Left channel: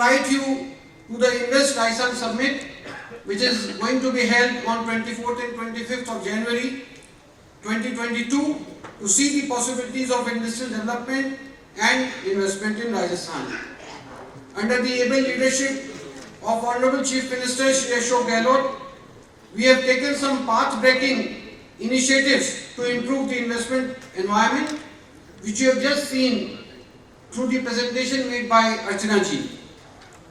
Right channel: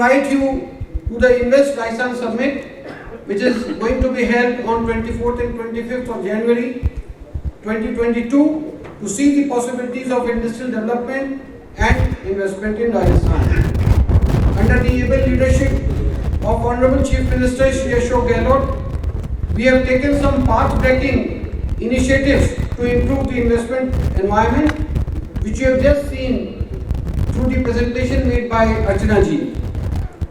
invite you to the Invest Rajasthan Summit, which is going to be held on 24th and 25th of January 2022 to see the possibilities of industrial development and investment in Rajasthan. Under the able leadership of Honorable Chief Minister Shri Ashok Gehlot, we have taken some path-breaking initiatives to improve the investment environment, which you have just seen through the presentation made by Archana ji.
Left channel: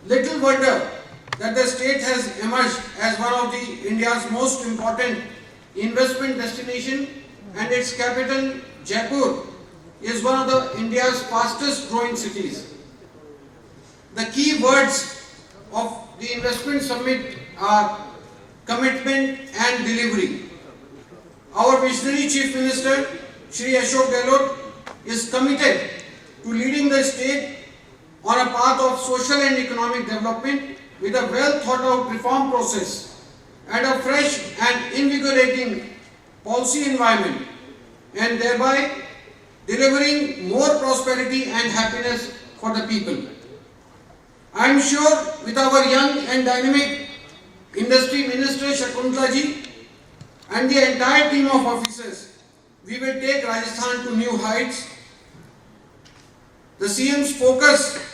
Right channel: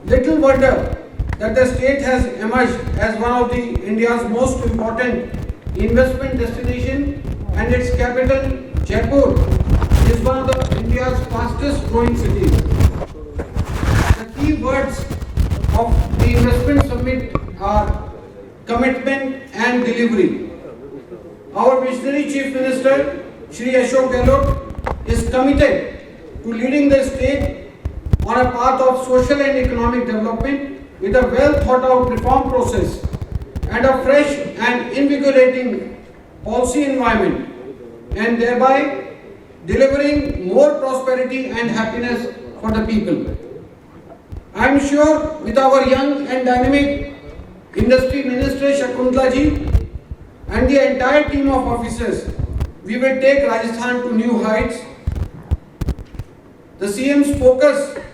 Little wonder that the state has emerged as one of the India's most important investment destination, and its capital Jaipur is one of the India's fastest growing cities. The key words of the investment summit are commitment and delivery. Our visionary Chief Minister Shri Ashok Gehlot is committed to leading the state on a path of social and economic development with a well thought out reform process and a fresh and invigorating policy environment, and thereby delivering more prosperity and happiness for the people. I am sure with our young and dynamic Industry Minister Shakuntala ji and the entire team of officers, we will take Rajasthan to new heights. The CM's focus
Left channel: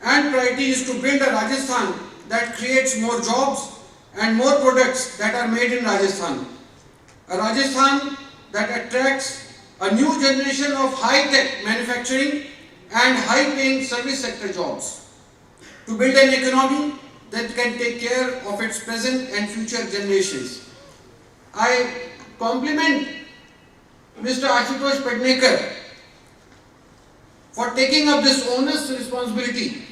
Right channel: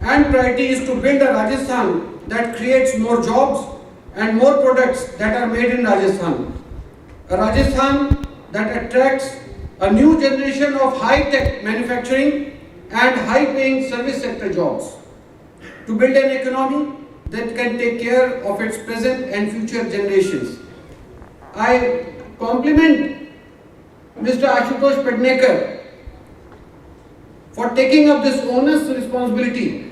and priority is to build a Rajasthan that creates more jobs and more products that are made in Rajasthan. A Rajasthan that attracts a new generation of high-tech manufacturing and high-paying service sector jobs. To build an economy that can take care of its present and future generations. I compliment Mr. Ashutosh Pednekar for taking up this onerous responsibility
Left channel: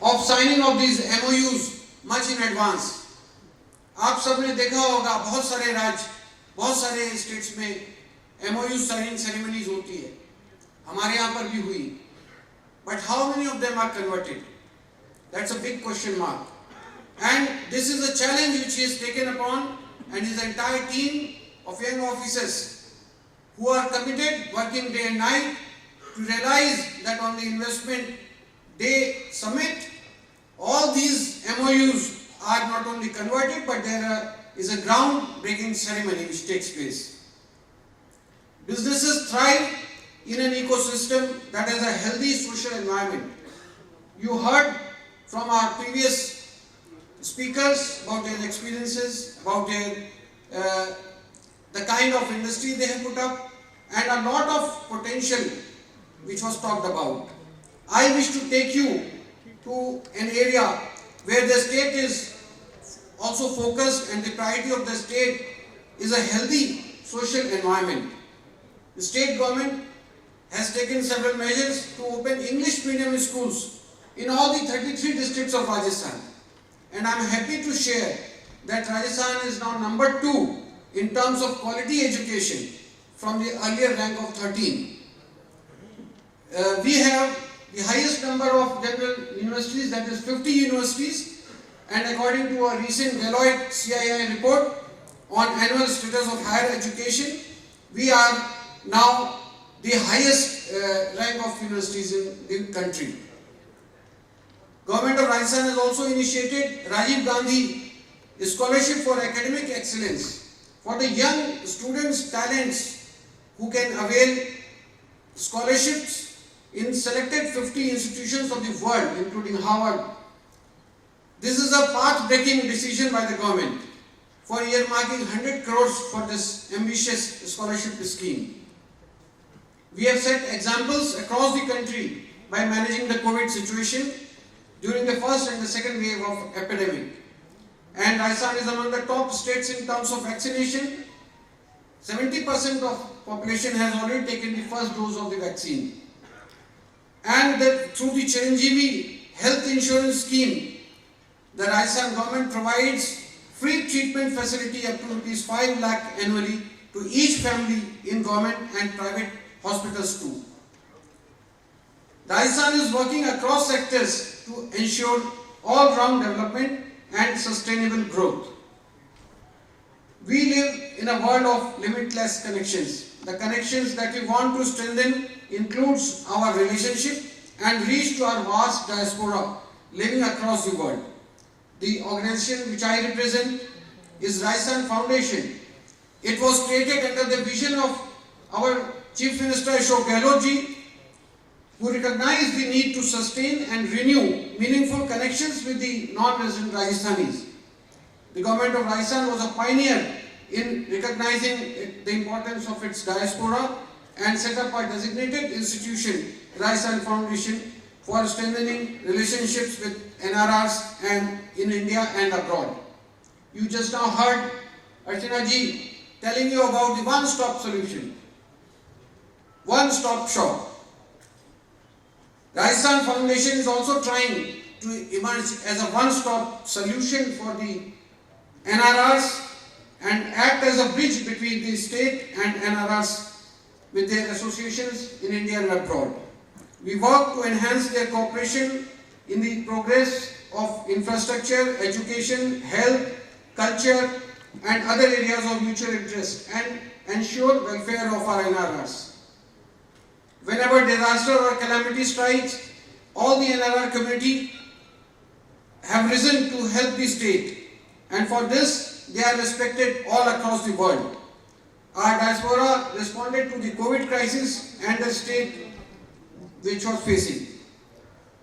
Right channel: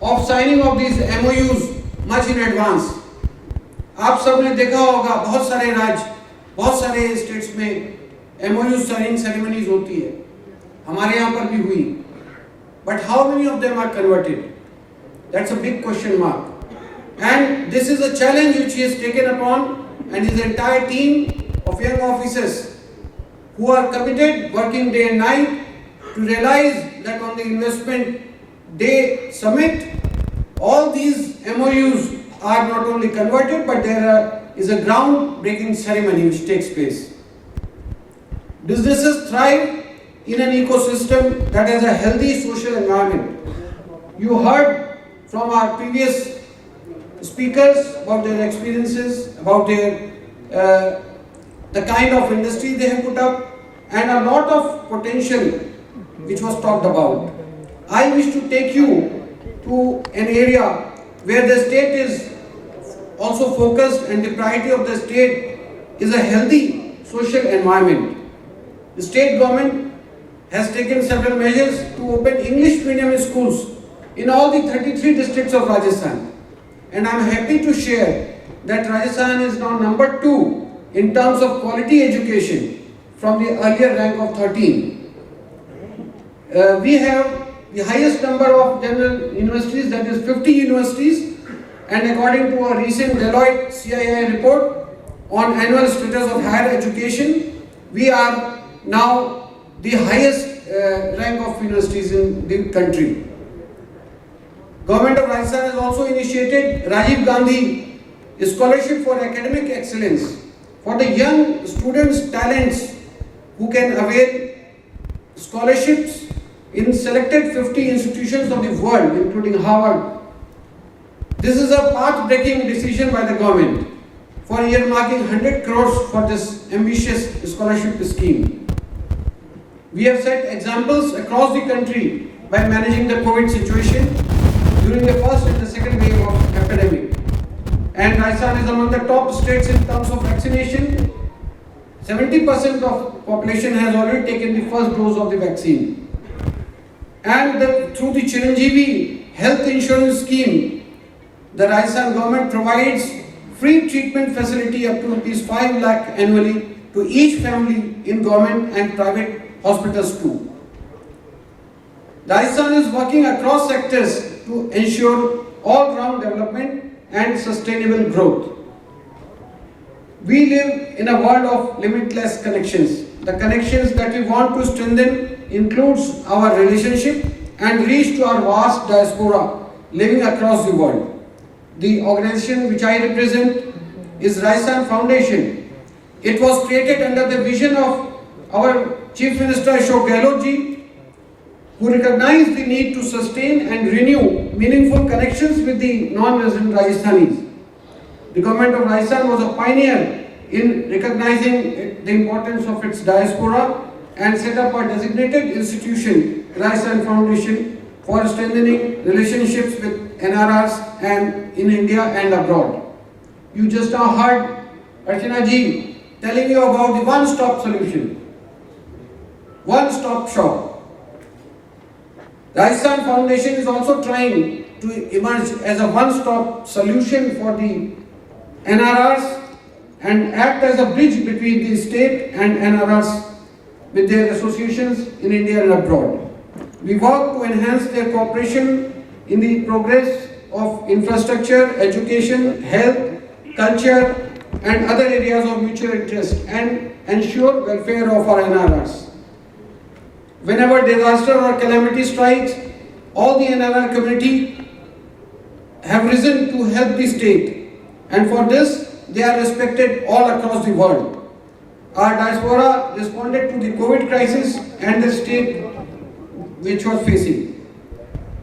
of signing of these MOUs much in advance. आप सबने देखा होगा बहुत सारे राज्य, बहुत सारे states में MOU signing ceremonies होती है, हमारे यहाँ पर भी हुई. But how many of them are converted? That's a big question mark. And this is a challenge which he has taken upon, and his entire team of young officers who are committed, working day and night to realize that on the Investment Day Summit, all these MOUs are not only converted, but there is a ground-breaking ceremony which takes place. Businesses thrive in an ecosystem that has a healthy social environment. You heard from our previous speakers about their experiences, about their the kind of industry they have put up, and a lot of potential which was talked about. I wish to take you to an area where the state is also focused, and the priority of the state is a healthy social environment. The state government has taken several measures to open English medium schools in all the 33 districts of Rajasthan. And I am happy to share that Rajasthan is now number 2 in terms of quality education from the earlier rank of 13. We have the highest number of general universities, that is 50 universities, and according to a recent Deloitte CII report on annual status of higher education, we are now the highest rank of universities in the country. Government of Rajasthan has also initiated Rajiv Gandhi Scholarship for Academic Excellence for the young students, talents who can avail scholarships in selected 50 institutions of the world, including Harvard. This is a path-breaking decision by the government for earmarking 100 crores for this ambitious scholarship scheme. We have set examples across the country by managing the COVID situation during the first and the second wave of epidemic. And Rajasthan is among the top states in terms of vaccination. 70% of population has already taken the first dose of the vaccine. And through the Chiranjeevi Health Insurance Scheme, the Rajasthan government provides free treatment facility up to rupees 5 lakh annually to each family in government and private hospitals too. Rajasthan is working across sectors to ensure all-round development and sustainable growth. We live in a world of limitless connections. The connections that we want to strengthen includes our relationship and reach to our vast diaspora living across the world. The organization which I represent is Rajasthan Foundation. It was created under the vision of our Chief Minister Ashok Gehlot ji, who recognized the need to sustain and renew meaningful connections with the non-resident Rajasthanis. The government of Rajasthan was a pioneer in recognizing the importance of its diaspora and set up a designated institution, Rajasthan Foundation, for strengthening relationships with NRRs and in India and abroad. You just now heard Archana ji telling you about the one-stop solution, one-stop shop. Rajasthan Foundation is also trying to emerge as a one-stop solution for the NRRs and act as a bridge between the state and NRRs with their associations in India and abroad. We work to enhance their cooperation in the progress of infrastructure, education, health, culture and other areas of mutual interest and ensure welfare of our NRRs. Whenever disaster or calamity strikes, all the NRR community have risen to help the state, and for this they are respected all across the world. Our diaspora responded to the COVID crisis and the state which was facing.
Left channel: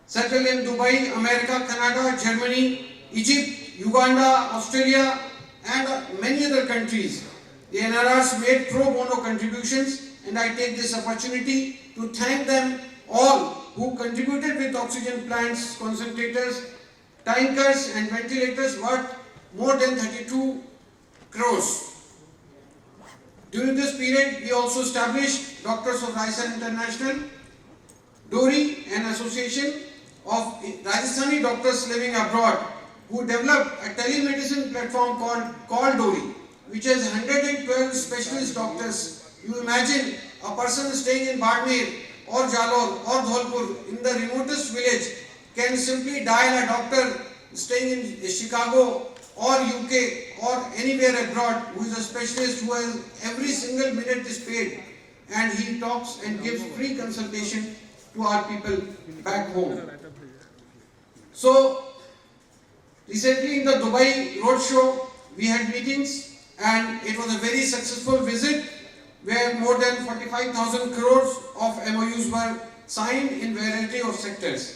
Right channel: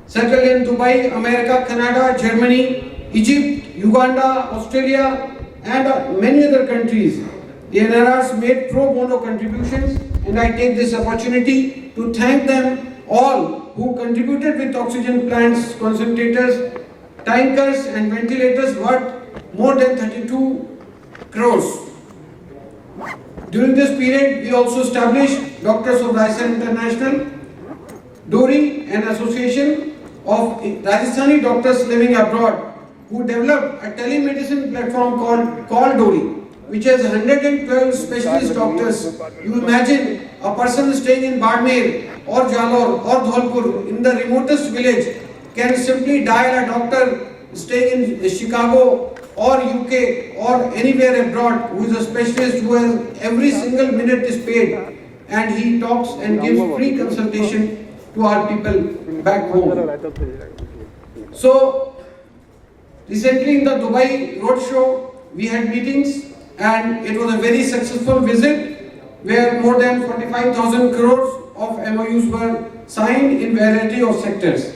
Settled in Dubai, America, Canada, Germany, Egypt, Uganda, Australia and many other countries, the NRRs made pro bono contributions, and I take this opportunity to thank them all who contributed with oxygen plants, concentrators, tankers and ventilators worth more than 32 crores. During this period, we also established Doctors of Rajasthan International, DORI, an association of Rajasthani doctors living abroad, who developed a telemedicine platform called DORI, which has 112 specialist doctors. You imagine a person staying in Badmer or Jalore or Dholpur in the remotest village can simply dial a doctor staying in Chicago or UK or anywhere abroad who is a specialist who has every single minute is paid, and he talks and gives free consultation to our people back home. So recently in the Dubai roadshow we had meetings, and it was a very successful visit where more than 45,000 crores of MOUs were signed in variety of sectors.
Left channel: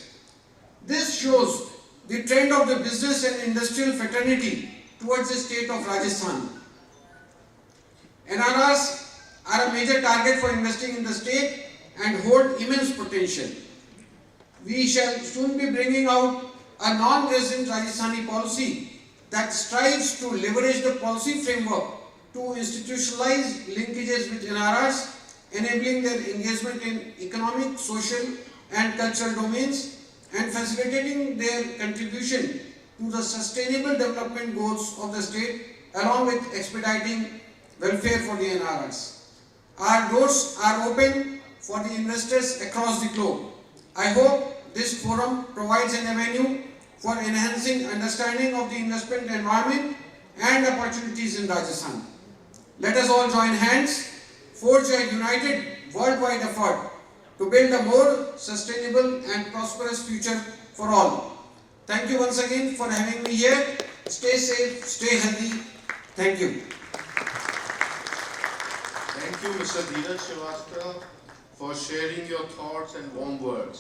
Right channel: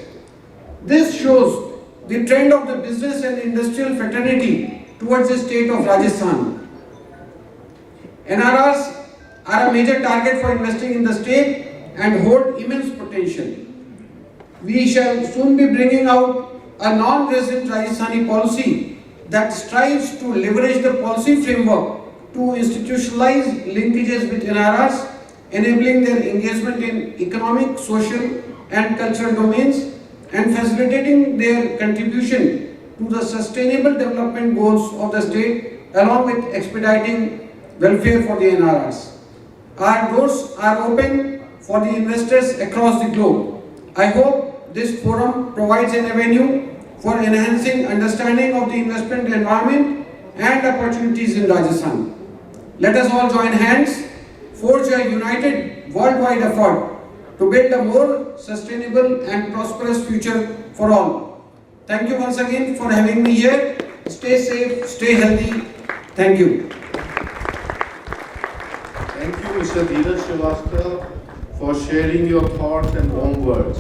This shows the trend of the business and industrial fraternity towards the state of Rajasthan. NRRs are a major target for investing in the state and hold immense potential. We shall soon be bringing out a non-resident Rajasthani policy that strives to leverage the policy framework to institutionalize linkages with NRRs, enabling their engagement in economic, social and cultural domains and facilitating their contribution to the sustainable development goals of the state, along with expediting welfare for the NRRs. Our doors are open for the investors across the globe. I hope this forum provides an avenue for enhancing understanding of the investment environment and opportunities in Rajasthan. Let us all join hands, forge a united worldwide effort to build a more sustainable and prosperous future for all. Thank you once again for having me here. Stay safe, stay healthy. Thank you. Thank you, Mr. Dheeraj Srivastava, for sharing your thoughts and warm words.